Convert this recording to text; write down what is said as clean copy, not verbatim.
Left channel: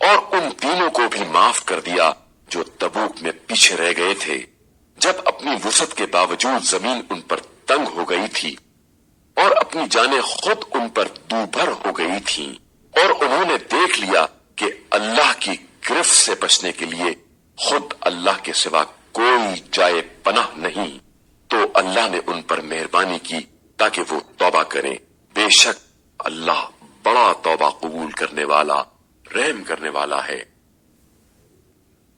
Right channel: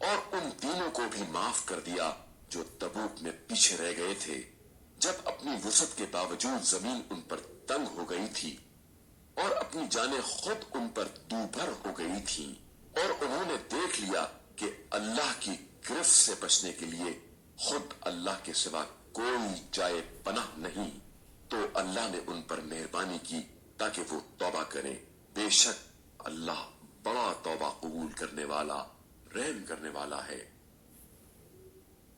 और उन तीनों को भी माफ कर दिया जो तबूक में पीछे रह गए थे, जब अपनी वुसअत के बावजूद जमीन उन पर तंग हो गई थी और अपनी जानें खुद उन पर दूभर हो गई थीं, और उन्होंने देख लिया कि अल्लाह की गिरफ्त से बचने के लिए खुद अल्लाह के सिवा कोई जाए पनाह नहीं, तो अल्लाह ने उन पर मेहरबानी की ताकि वो तौबा करें। बेशक अल्लाह बड़ा तौबा कबूल करने वाला, रहम करने वाला है।